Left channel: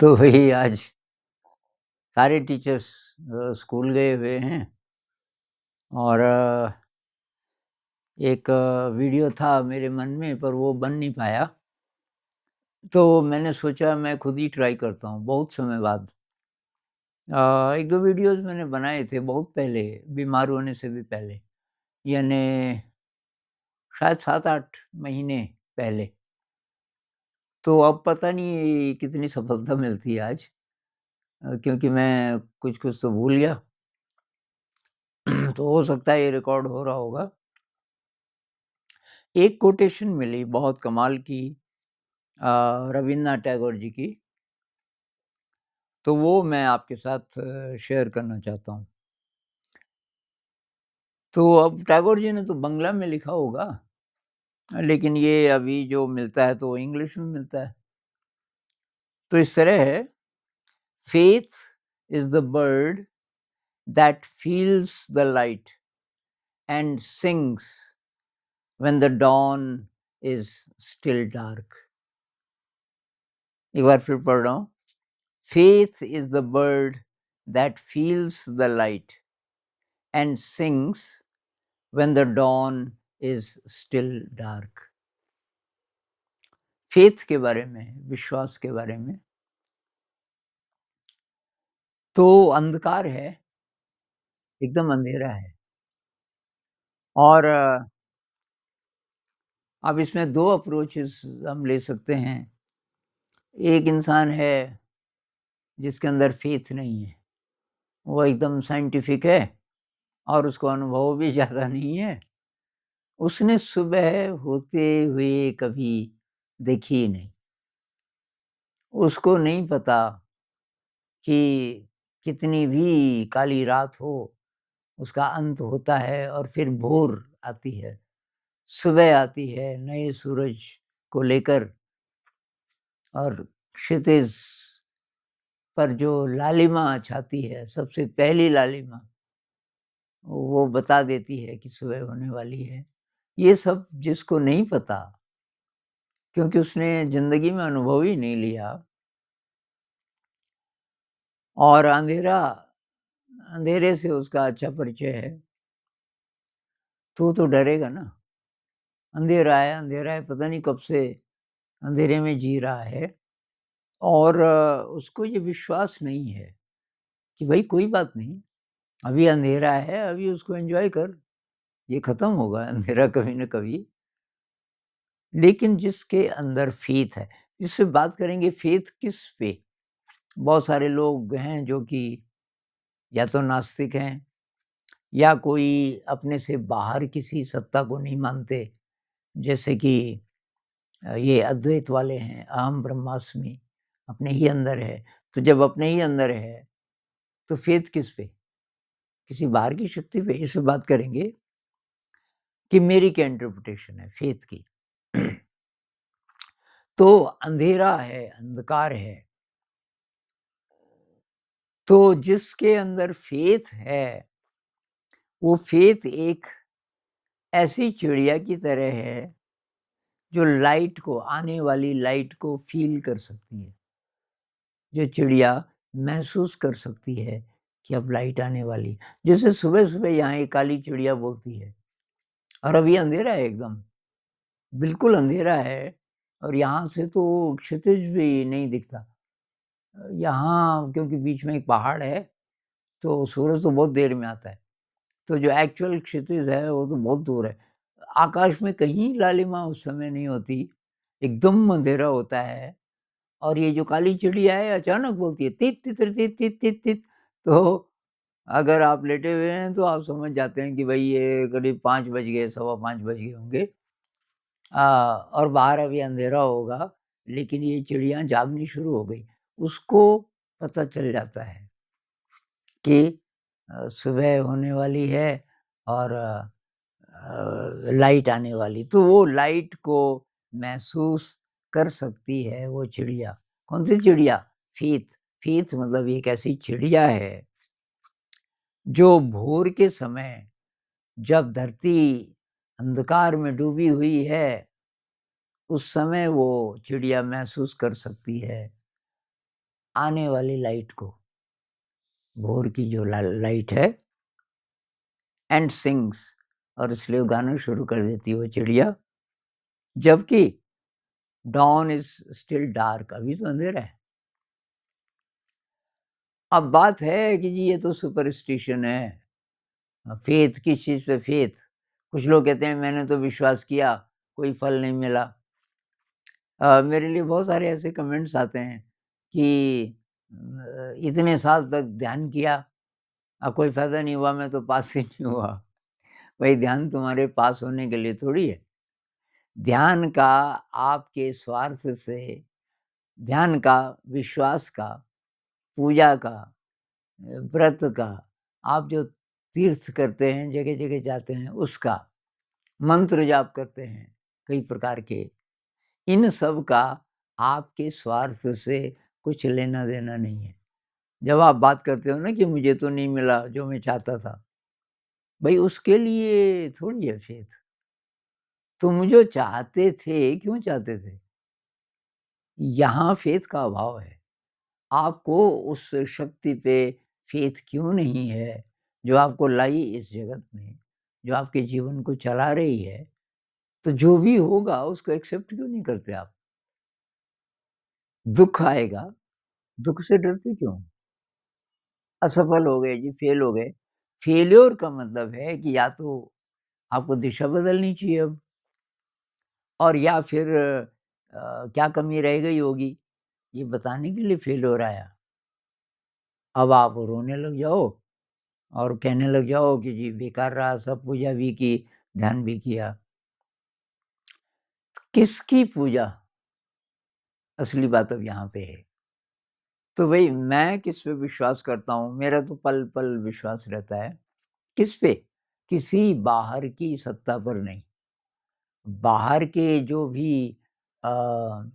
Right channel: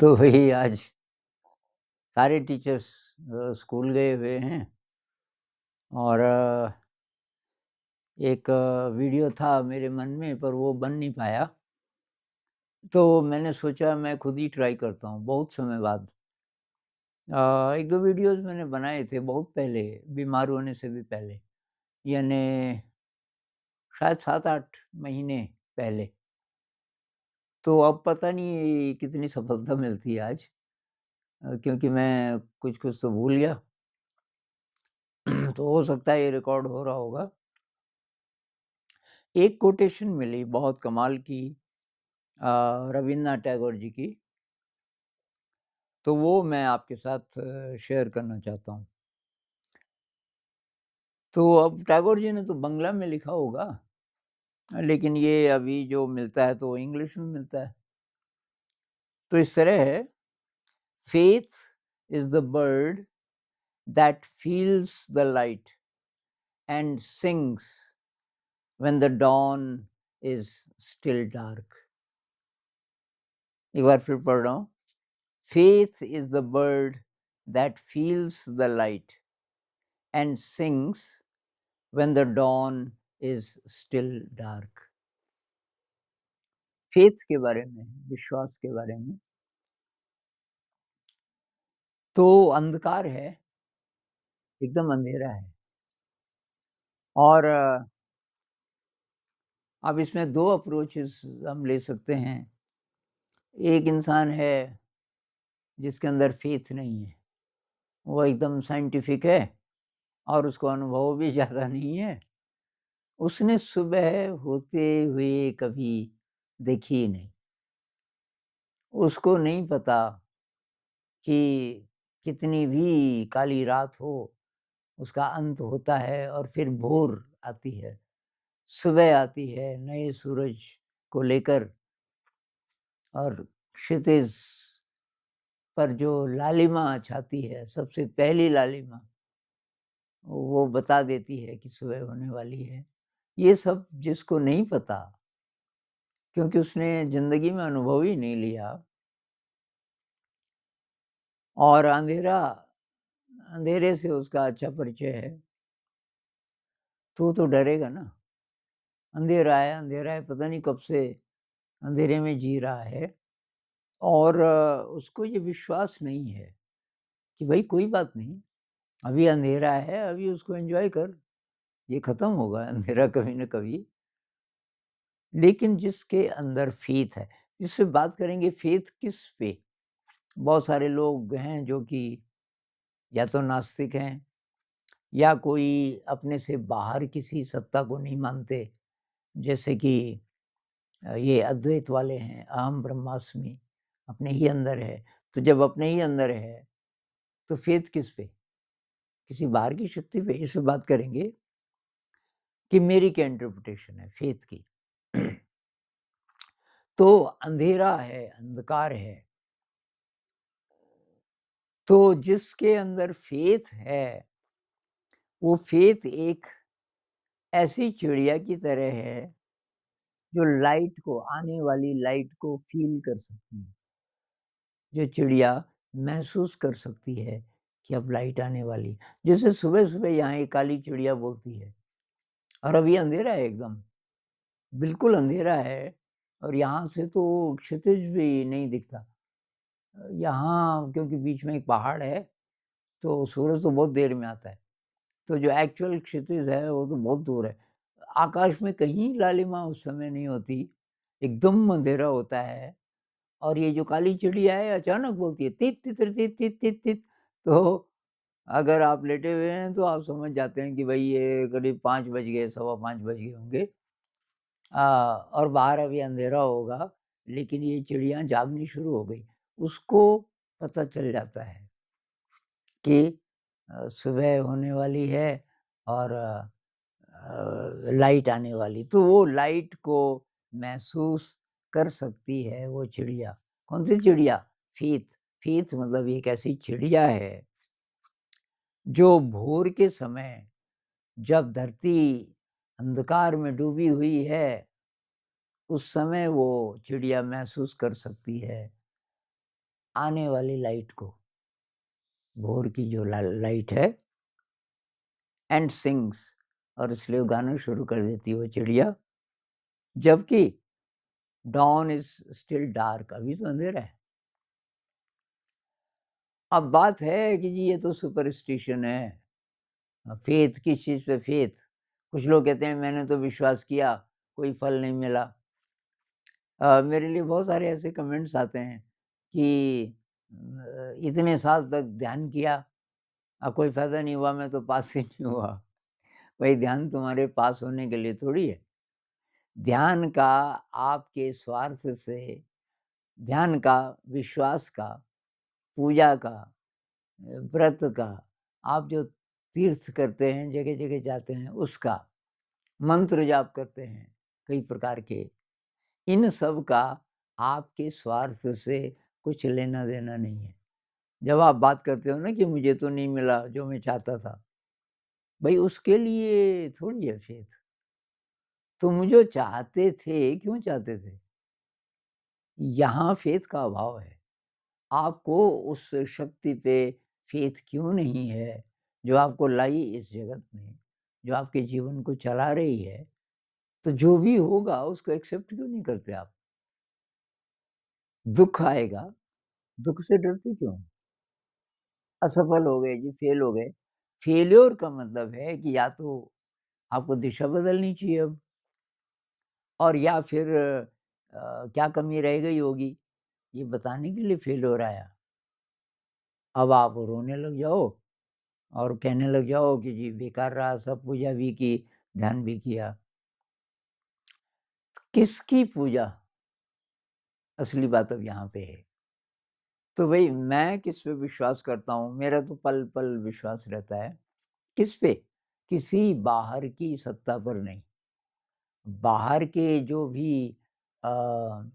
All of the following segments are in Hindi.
तो वही आज सारे टीचर्स स्कूल गए हुए हैं और एक वीडियो था मेरे मन में पर वो बन नहीं पाया। तो मैंने सोचा मैं खुद ही ट्राई करता हूँ बहुत समय बाद। 1-2 वीडियोज़ मैंने बनाए थे बहुत पहले, बीमार होने से भी पहले, यानी शायद 7-8 महीने पहले। तो अब पता नहीं कितनी सफलता मिलती है आज, क्योंकि मैं कुछ-कुछ तो भूल गया। तो हो सकता है ये रिकॉर्ड हो रहा होगा। एक कोटेशन मिली बहुत कमाल की, रवीन्द्रनाथ टैगोर जी की, तो वो मैं आपके साथ शेयर करना चाहता हूँ। तो अब टैगोर जी ने तो बंगला में लिखा होगा, लेकिन ये अभी जो मिलता है तो वो इंग्लिश में मिलता है। तो इस तरह है, "faith is the bird that feels the light and sings when the dawn is still dark." एक बार फिर पढ़ रहा हूँ। "Faith is the bird that feels the light and sings when the dawn is still dark." Faith के बारे में है, विश्वास के बारे में। तो अंधकार है, एकदम अंधेरा है और अब इसमें 2 अप्रोचेज़ हम ले सकते हैं। एक इंसान है जिसके अंदर फेथ नहीं है, वो एकदम साइंटिफिक है और उसको अनुभव भी ज़्यादा नहीं है। उसने सुबह होते हुए कभी देखी ही नहीं। उसको नहीं पता कि कितनी भी काली रात हो, उसका अंत होता है और फिर भोर आती है, सुबह आती है नए सूरज को लेकर और क्षितिज पर जो लालिमा छाती है, सबसे पहली लालिमा, वो बता देती है कि सुबह होने वाली है। ये सब जिसको नहीं पता, क्योंकि उसने ज़िंदगी में अनुभव ही नहीं लिया और अंधेरे से उसका अच्छा परिचय है, तो वो तो डरेगा ना। अंधेरा है, पता नहीं कब से अंधेरे में जी रहा है और उसको ये विश्वास नहीं है कि भई कोई बात नहीं, अभी अंधेरा है, अभी उसको एन्जॉय कर, ये खत्म होगा अंधेरा कभी न कभी। लेकिन जिसके अंदर फ़ेथ है, जिससे बात करेंगे फ़ेथ किस पे? बहुत सारे लोग हैं जो कि या तो नास्तिक हैं या कोई अपने से बाहर किसी सत्ता को नहीं मानते, जैसे कि ये अद्वैत वाले हैं, अहम ब्रह्मास्मि, अपने ही अंदर है। तो जब अपने ही अंदर है, तो फ़ेथ किस पे? किसी बाहर की शक्ति पे? इस पे बात करेंगे कि मेरी क्या इंटरप्रिटेशन है फ़ेथ की। तो अंधेरा है, अंधकार है, तो जिसके अंदर फ़ेथ है, वो फ़ेथ एक ऐसी चिड़िया की तरह है, जो लाइट को, आने वाली लाइट को फ़ील कर सकती है। जो चिड़िया महसूस कर सकती है कि अब लाइट आने वाली है। जैसे सुबह-सुबह यहाँ एक काली चिड़िया बोलती है और अभी अंधेरा है एकदम, बिल्कुल अंधेरा है और यहाँ से तो क्षितिज भी नहीं दिखता। यहाँ क्योंकि बीच में एक पहाड़ है, तो सूरज तो बहुत देर में आता है, तो जो एक्चुअल क्षितिज है वो तो बहुत दूर है। आकाश में कहीं लालिमा उस समय नहीं होती, एकदम अंधेरा होता है और ये जो काली चिड़िया है अचानक बोलती है तीत तितर तीत तीत तीत तीत। तो अगर आप लेटे हुए हैं तो आप समझ जाते हैं कि भई ये करीब 5 बज गए, सवा 5 बज गए होंगे। और बाहर अभी अंधेरा होगा, लेकिन ये चिड़िया जागनी शुरू हो गई। उसको पता चल जाता है कि सुबह होने वाली है और लाइट आने वाली। तो वो लाइट को महसूस कर सकती है वो चिड़िया। कौन-सी चिड़िया? फ़ेथ। फ़ेथ मतलब एक ऐसी चिड़िया है, जो भोर के समय जब धरती अंधकार में डूबी हुई है, उस समय वो चिड़िया महसूस कर सकती है आने वाली लाइट को, भोर की जो लाइट है, एंड सिंग्स, और इसलिए वो गाना शुरू कर देती है वो चिड़िया, जबकि डॉन इज स्टिल डार्क, अभी तो अंधेरा है। अब बात है कि जी ये तो सुपरस्टिशन है, फेथ, किस चीज़ पे फेथ? कुछ लोग कहते हैं मैंने तो विश्वास किया, कोई फल नहीं मिला। मेरे लिए बहुत सारे ऐसे कमेंट्स आते हैं कि इतने साल तक ध्यान किया, अब कोई फ़ायदा नहीं हुआ, मैं तो पास ही नहीं हुआ। भाई ध्यान तुम्हारे पास होने के लिए थोड़ी है। ध्यान का आपके स्वार्थ से, ध्यान का, विश्वास का, पूजा का, व्रत का, आप जो तीर्थ करते हैं, जगह-जगह जाते हैं उसका, मंत्र जाप करते हैं कई प्रकार के, इन सब का आपके स्वार्थ से कुछ लेना-देना नहीं है। जब आप बात करते हो ना कि मुझे तो नहीं मिला जो मैं चाहता था, भई उसके लिए थोड़ी है फेथ। तुम जो चाहते थे, क्यों चाहते थे? यहाँ फेथ का अभाव है। आपको उस शक्ति पे फेथ क्यों नहीं है, जो आपको लाई इस जगत में, जो आपके जीवन को चला रही है, तो जो भी होगा उसको एक्सेप्ट क्यों नहीं करते आप? दुःख आएगा, दुःख से डरते क्यों? असफल हो गए जी, फेल हो गए। फेल्योर का मतलब है कि या तो आपको दिशा बदलनी चाहिए अब, और या फिर क्या कमी रह गई होगी, ये बताने के लिए फेल्योर आया। अब आप रोने लग जाओ और कहने लग जाओ कि जी बेकार रहा, सब पूजा भी की, ध्यान भी किया। किसकी पूजा? असली बात अब यहाँ पे है। तो भई मैं किस पे विश्वास करता हूँ, मेरा तो पल-पल विश्वास रहता है। किस पे? किसी बाहर की सत्ता पर नहीं। बाहर के जो भी अ,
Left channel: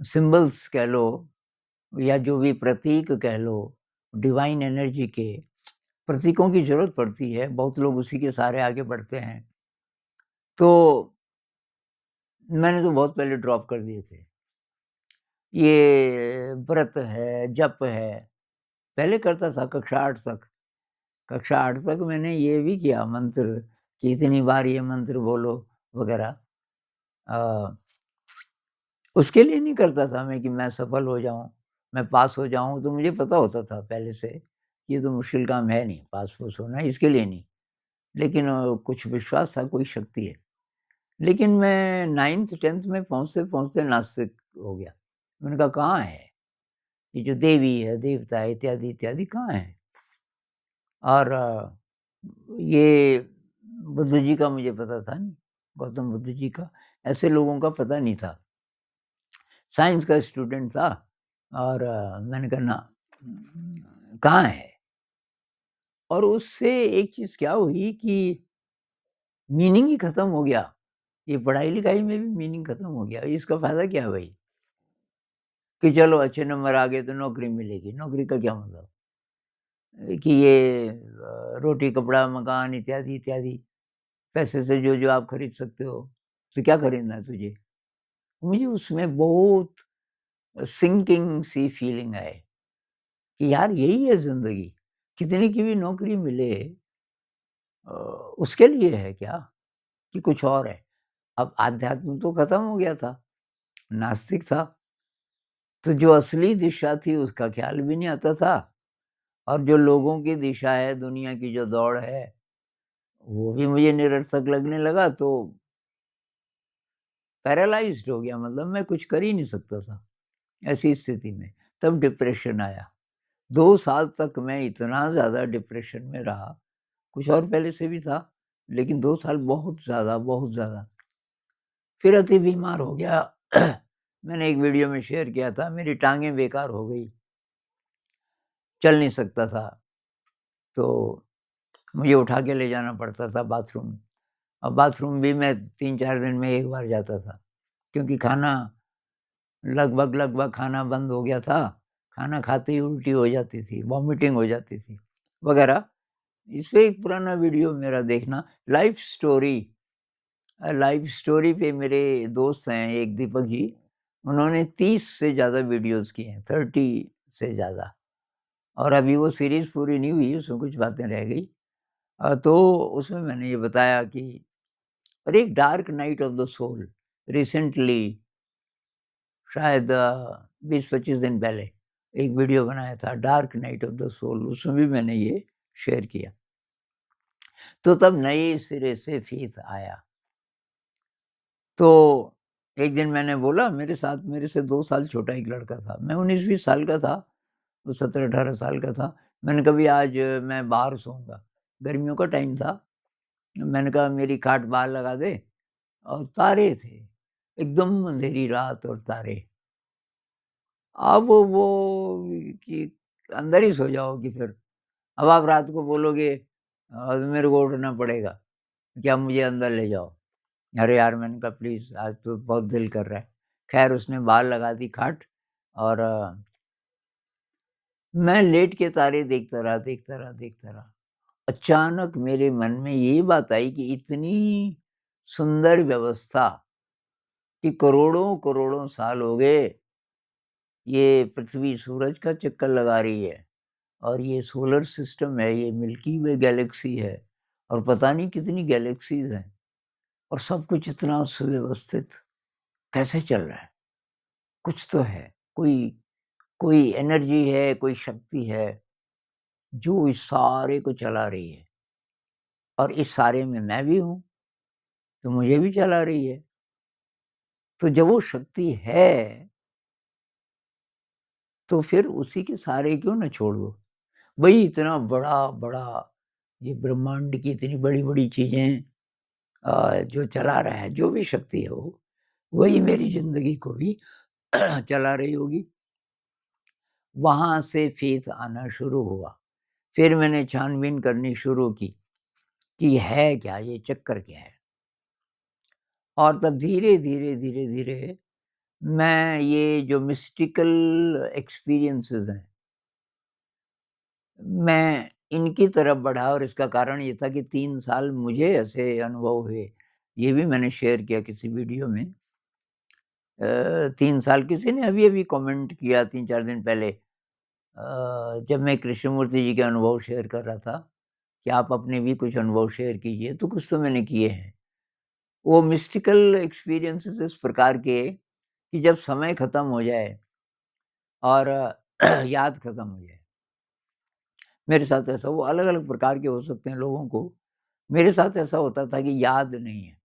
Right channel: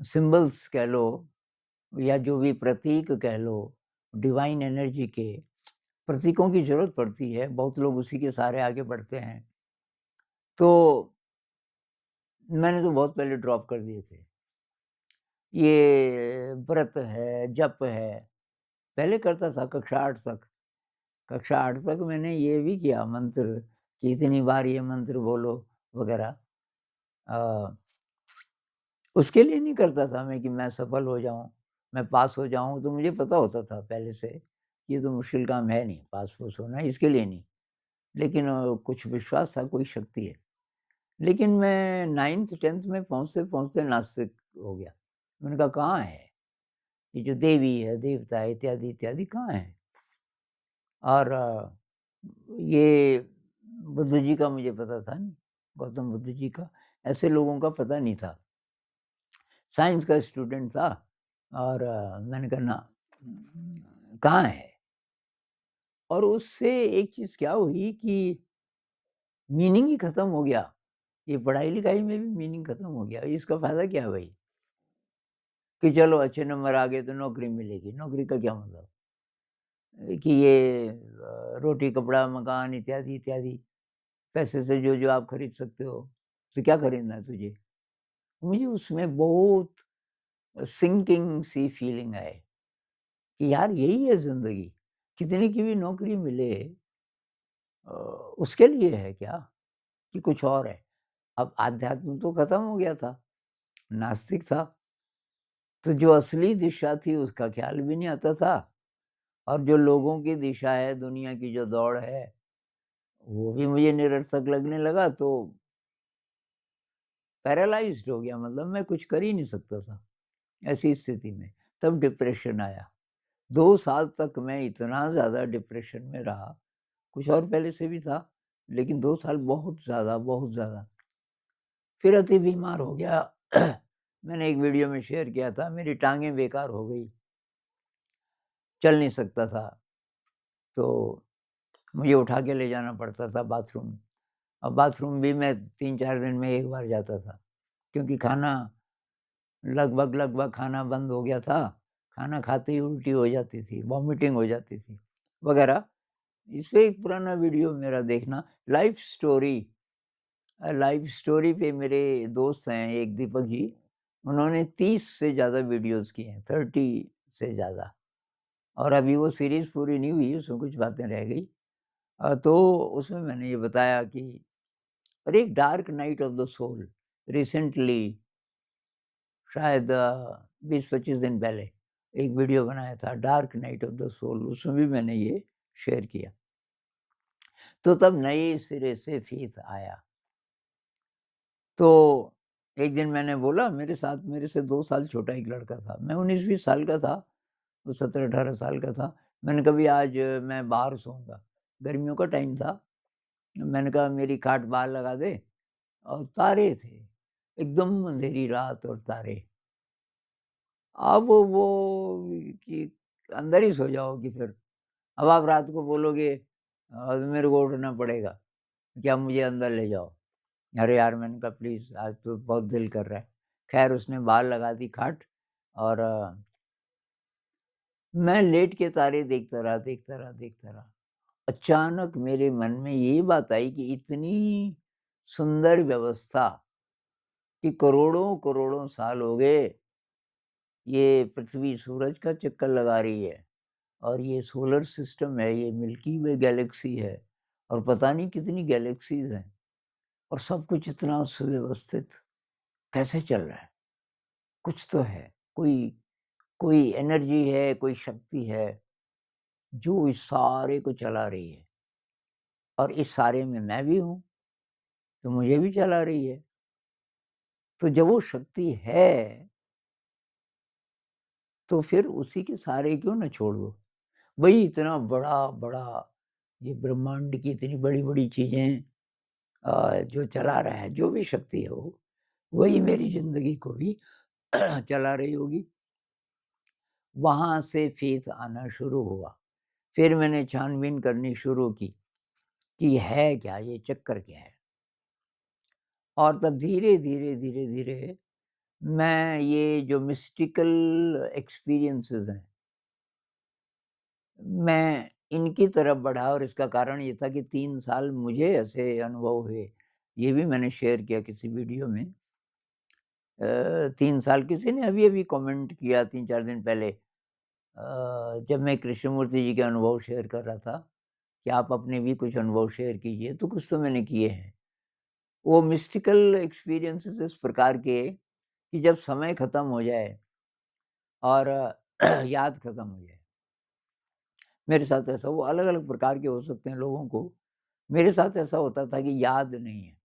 सिम्बल्स कह लो या जो भी प्रतीक कह लो, डिवाइन एनर्जी के प्रतीकों की ज़रूरत पड़ती है, बहुत लोग उसी के सहारे आगे बढ़ते हैं। तो मैंने तो बहुत पहले ड्रॉप कर दिए थे। ये व्रत है, जप है, पहले करता था कक्षा 8 तक। कक्षा 8 तक मैंने ये भी किया मंत्र कि इतनी बार ये मंत्र बोलो वगैरह। अ, उसके लिए नहीं करता था मैं कि मैं सफल हो जाऊँ, मैं पास हो जाऊँ, तो मुझे पता होता था पहले से, कि ये तो मुश्किल काम है नहीं पास-फूस होना, इसके लिए नहीं। लेकिन कुछ विश्वास था, कोई शक्ति है। लेकिन मैं 9th-10th में पहुँचते-पहुँचते नास्तिक हो गया। मैंने कहा कहाँ है? ये जो देवी है, देवता है इत्यादि-इत्यादि कहाँ है? और ये बुद्ध जी का मुझे पता था नहीं, गौतम बुद्ध जी का, ऐसे लोगों का पता नहीं था। साइंस का स्टूडेंट था और मैंने कहा ना, कहाँ है? और उससे एक चीज़ क्या हुई कि मीनिंग ही खत्म हो गया। ये पढ़ाई-लिखाई में भी मीनिंग खत्म हो गया। इसका फ़ायदा क्या है भाई? कि चलो अच्छे नंबर आ गए तो नौकरी मिलेगी। नौकरी का क्या मतलब? कि ये रोटी, कपड़ा, मकान इत्यादि-इत्यादि पैसे से जो-जो आप खरीद सकते हो, तो क्या खरीदना है तुझे? मुझे उसमें बहुत सिंकिंग सी फीलिंग आई कि यार यही है ज़िंदगी। कितनी की भी नौकरी मिले अ, उसके लिए है क्या कि कुछ और है? अब आध्यात्म तो खत्म हो गया था, नास्तिक था, तो जो असली दिशा थी उसका ख़्याल भी नहीं आता था, और जो लोगों की दिशा है, दुनिया की जो दौड़ है, वो भी मुझे निरर्थक लगने लगा, तो पैरालाइज़्ड हो गया, मतलब मैं कुछ कर ही नहीं सकता था, ऐसी स्थिति में। तब डिप्रेशन आया। 2 साल तक मैं इतना ज़्यादा डिप्रेशन में रहा, कुछ और पहले से भी था, लेकिन 2 साल बहुत ज़्यादा, बहुत ज़्यादा। फिर अति बीमार हो गया। मैंने एक वीडियो में शेयर किया था, मेरी टाँगें बेकार हो गई, चल नहीं सकता था, तो मुझे उठा के ले जाना पड़ता था बाथरूम। अब बाथरूम भी मैं 3-4 दिन में 1 बार जाता था, क्योंकि खाना लगभग-लगभग खाना बंद हो गया था। खाना खाते ही उल्टी हो जाती थी, वॉमिटिंग हो जाती थी, वगैरह। इस पे एक पुराना वीडियो मेरा देखना, लाइफ़ स्टोरी पे मेरे दोस्त हैं एक दीपक जी, उन्होंने 30 से ज़्यादा वीडियोज़ किए हैं, 30 से ज़्यादा। और अभी वो सीरीज़ पूरी नहीं हुई, उसमें कुछ बातें रह गई। तो उसमें मैंने ये बताया कि और एक dark night of the soul recently शायद 20-25 दिन पहले एक वीडियो बनाया था dark night of the soul, उसमें भी मैंने ये शेयर किया। तो तब नए सिरे से फेथ आया। तो एक दिन मैंने बोला मेरे साथ मेरे से 2 साल छोटा एक लड़का था। मैं 19-20 साल का था, वो 17-18 साल का था। मैंने कहा भई आज मैं बाहर सोऊँगा। गर्मियों का टाइम था। मैंने कहा मेरी खाट बाहर लगा दे और तारे थे। एकदम अंधेरी रात और तारे। अब वो कि अंदर ही सो जाओगे फिर। अब आप रात को बोलोगे मेरे को उठना पड़ेगा, क्या मुझे अंदर ले जाओ। अरे यार! मैंने कहा प्लीज़ आज तो बहुत दिल कर रहा है। ख़ैर उसने बाहर लगा दी खाट और मैं लेट के तारे देखता रहा, देखता रहा, देखता रहा। अचानक मेरे मन में ये बात आई कि इतनी सुंदर व्यवस्था कि करोड़ों-करोड़ों साल हो गए, ये पृथ्वी सूरज का चक्कर लगा रही है और ये सोलर सिस्टम है, ये मिल्की वे गैलेक्सी है और पता नहीं कितनी गैलेक्सीज़ हैं और सब कुछ इतना सुव्यवस्थित कैसे चल रहा है? कुछ तो है, कोई कोई एनर्जी है, कोई शक्ति है, जो इस सारे को चला रही है और इस सारे में मैं भी हूँ, तो मुझे भी चला रही है। तो जब वो शक्ति है, तो फिर उसी के सहारे क्यों ना छोड़ दो? वही इतना बड़ा-बड़ा ये ब्रह्मांड की इतनी बड़ी-बड़ी चीज़ें जो चला रहा है, जो भी शक्ति है वो, वही मेरी ज़िंदगी को भी चला रही होगी। वहाँ से फ़ेथ आना शुरू हुआ। फिर मैंने छानबीन करनी शुरू की कि है क्या, ये चक्कर क्या है? और तब धीरे-धीरे, धीरे-धीरे मैं ये जो मिस्टिकल एक्सपीरियंसेस हैं, मैं इनकी तरफ बढ़ा और इसका कारण ये था कि 3 साल मुझे ऐसे अनुभव हुए। ये भी मैंने शेयर किया किसी वीडियो में। 3 साल किसी ने अभी-अभी कमेंट किया 3-4 दिन पहले जब मैं कृष्णमूर्ति जी के अनुभव शेयर कर रहा था, कि आप अपने भी कुछ अनुभव शेयर कीजिए, तो कुछ तो मैंने किए हैं। वो मिस्टिकल एक्सपीरियंसेस इस प्रकार के कि जब समय खत्म हो जाए और याद खत्म हो जाए। मेरे साथ ऐसा वो अलग-अलग प्रकार के हो सकते हैं लोगों को। मेरे साथ ऐसा होता था कि याद नहीं है,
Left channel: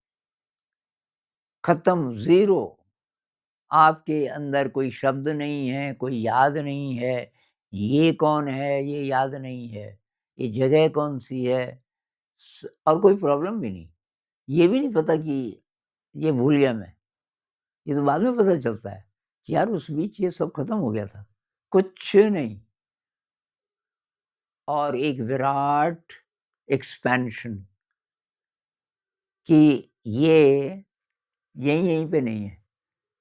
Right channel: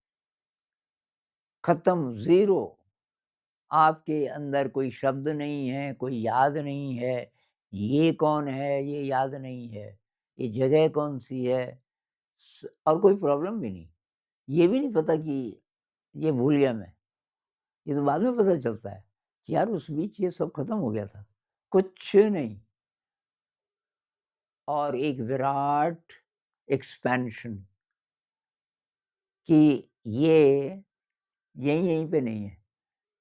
खत्म, ज़ीरो। आपके अंदर कोई शब्द नहीं है, कोई याद नहीं है, ये कौन है, ये याद नहीं है, ये जगह कौन-सी है और कोई प्रॉब्लम भी नहीं। ये भी नहीं पता कि ये भूल गया मैं, ये तो बाद में पता चलता है कि यार उस बीच ये सब खत्म हो गया था, कुछ नहीं और एक विराट एक्सपेंशन कि ये यहीं-यहीं पे नहीं है,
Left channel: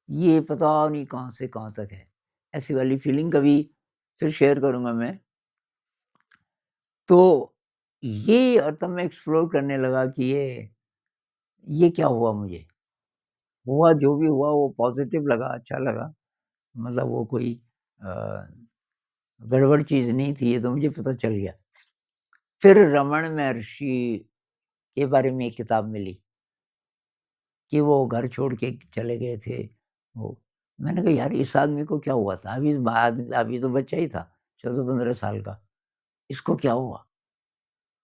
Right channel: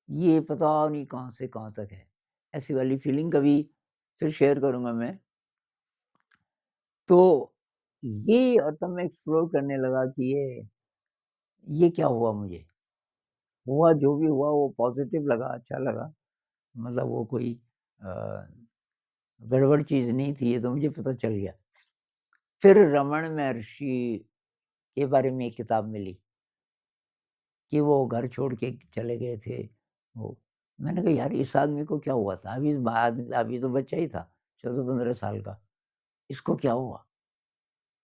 ये पता नहीं कहाँ से कहाँ तक है। ऐसी वाली फीलिंग कभी फिर शेयर करूँगा मैं। तो ये और तब मैं एक्सप्लोर करने लगा कि ये क्या हुआ मुझे? हुआ जो भी हुआ वो पॉज़िटिव लगा, अच्छा लगा। मतलब वो कोई अ, गड़बड़ चीज़ नहीं थी, ये तो मुझे पता चल गया। फिर रमण महर्षि के बारे में एक किताब मिली कि वो घर छोड़ के चले गए थे वो। मैंने कहा यार इस आदमी को क्या हुआ था? अभी तो बच्चा ही था, 14-15 साल का। इसको क्या हुआ?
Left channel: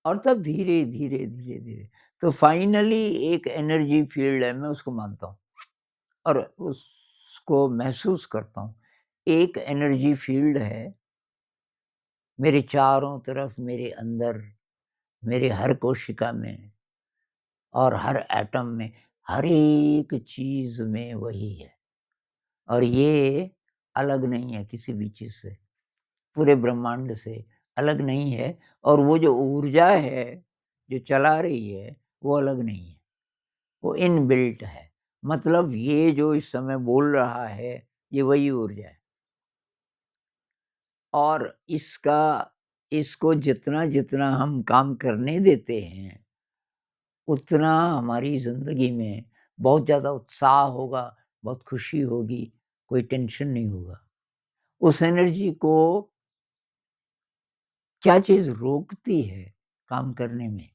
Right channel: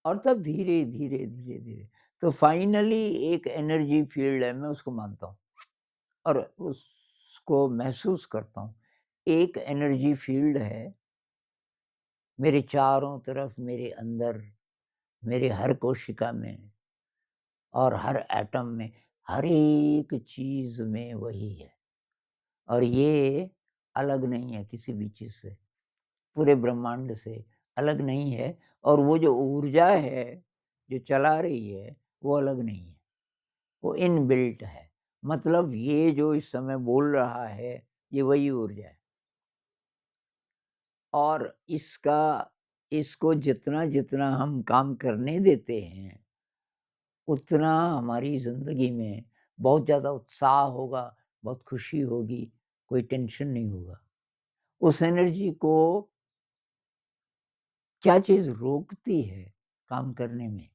और तब धीरे, धीरे, धीरे, धीरे तो फाइनली एक एनर्जी फ़ील्ड है, मैं उसको मानता हूँ और उसको महसूस करता हूँ। एक एनर्जी फ़ील्ड है, मेरे चारों तरफ, मेरे अंदर, मेरे हर कोशिका में और हर एटम में, हर एक चीज़ में वही है और ये अलग नहीं है किसी भी चीज़ से, पूरे ब्रह्मांड से अलग नहीं है और वो जो ऊर्जा है, जो चला रही है, वो अलग नहीं है। वो इनबिल्ट है। मतलब ये जो इस समय बोल रहा है, ये वही ऊर्जा है और इसको जितना-जितना हम काम करने देते हैं, उतना हमारी ज़िंदगी में बहुत ज़्यादा उत्साह होगा, बहुत खुशी होगी, कोई टेंशन नहीं होगा उस एनर्जी को क्या चीज़ रोकती है काम करने में?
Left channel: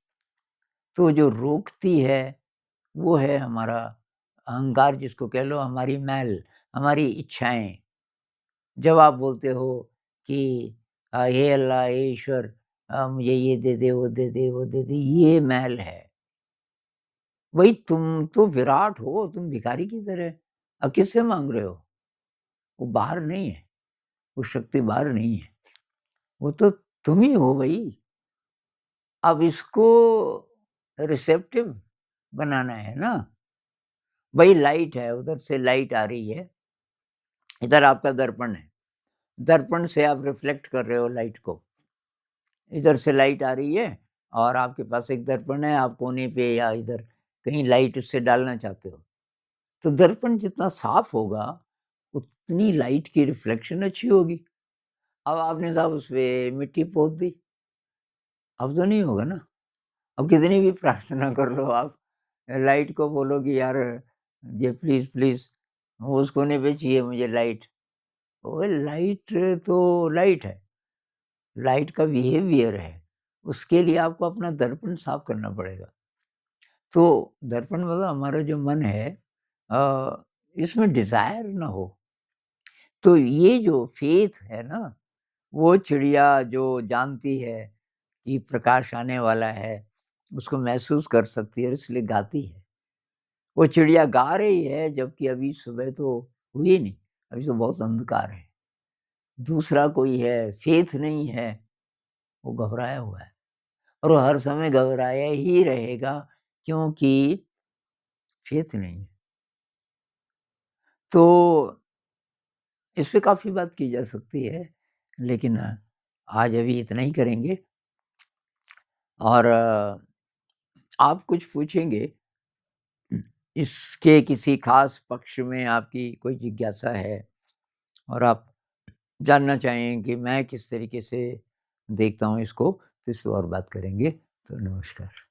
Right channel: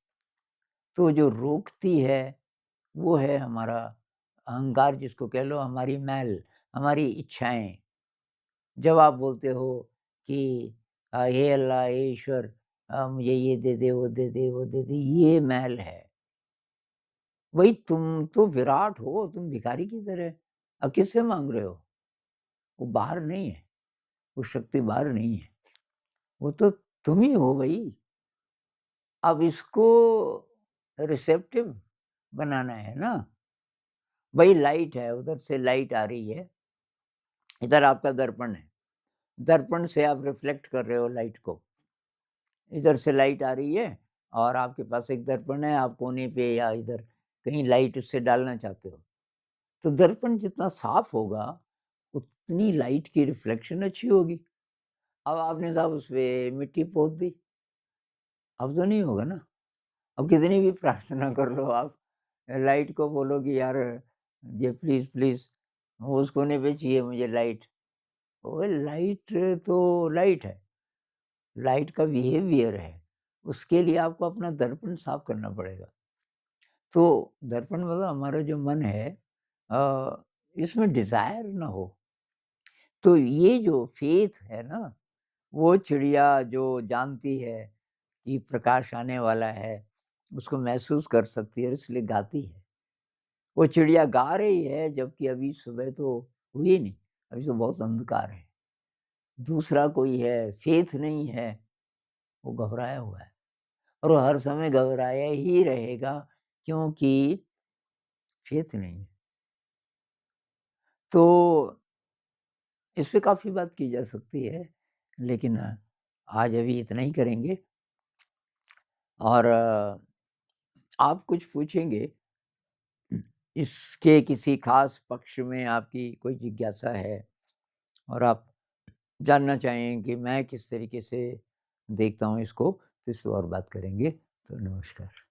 तो जो रोकती है, वो है हमारा अहंकार जिसको कह लो, हमारी मैल, हमारी इच्छाएँ। जब आप बोलते हो कि हे अल्लाह, हे ईश्वर, मुझे ये दे दे, वो दे दे, वो दे दे, ये मैल है। वही तुम तो विराट हो, तुम भिखारी की तरह। अब किससे माँग रहे हो? वो बाहर नहीं है, वो शक्ति बाहर नहीं है, वो तो तुम ही हो भई। अब इसको रिसेप्टिव बनाना है ना। वही लाइट है, उधर से लाइट आ रही है, इधर आपका दर्पण है। दर्पण से आप रिफ्लेक्ट कर रहे हो लाइट को। इधर से लाइट आ रही है और आपके पास एक दर्पण है, आप कोने पे या इधर कहीं लाइट उससे डालना चाहते हो। तो दर्पण जितना साफ होगा, उतनी लाइट की रिफ्लेक्शन अच्छी होगी। अब आपने साहब उसपे मिट्टी पोत दी, अब तो नहीं होगा ना। अब कितनी भी प्रार्थना कर लो आप, लाइट को बोलो कि यार ये प्लीज़, प्लीज़ उस कोने पे चाहिए मुझे लाइट। ओए लाइट तो लाइट है, लाइट का बिहेवियर है, उसके लिए आपको अपना दर्पण साफ करना पड़ेगा। तो दर्पण मतलब हमारा जो मन है, इसमें डिज़ायर ना हो। तो ये जो फ़ेथ है ना, वो चिड़िया जो जानती है कि प्रकाश आने वाला है, उसको महसूस कर सकती है और इसलिए गाती है। वो चिड़िया गा रही है जबकि अभी सुबह तो हुई नहीं, अभी तो बहुत अंधकार है। दूसरा कोई है, फ़ेथ नहीं है, वो घबराया हुआ है और वो हर समय घबराया ही रहेगा क्योंकि फ़ेथ नहीं है। तो इस पे काफ़ी बात की जा सकती है, लेकिन आज अभी इतना ही करेंगे और आप कुछ पूछेंगे, इसके किसी ख़ास पक्ष में आपकी कोई जिज्ञासा है और आप जानना चाहें कि मैं किस तरीके से देखता हूँ इसको, तो इस पे और बात करेंगे। तो नमस्कार।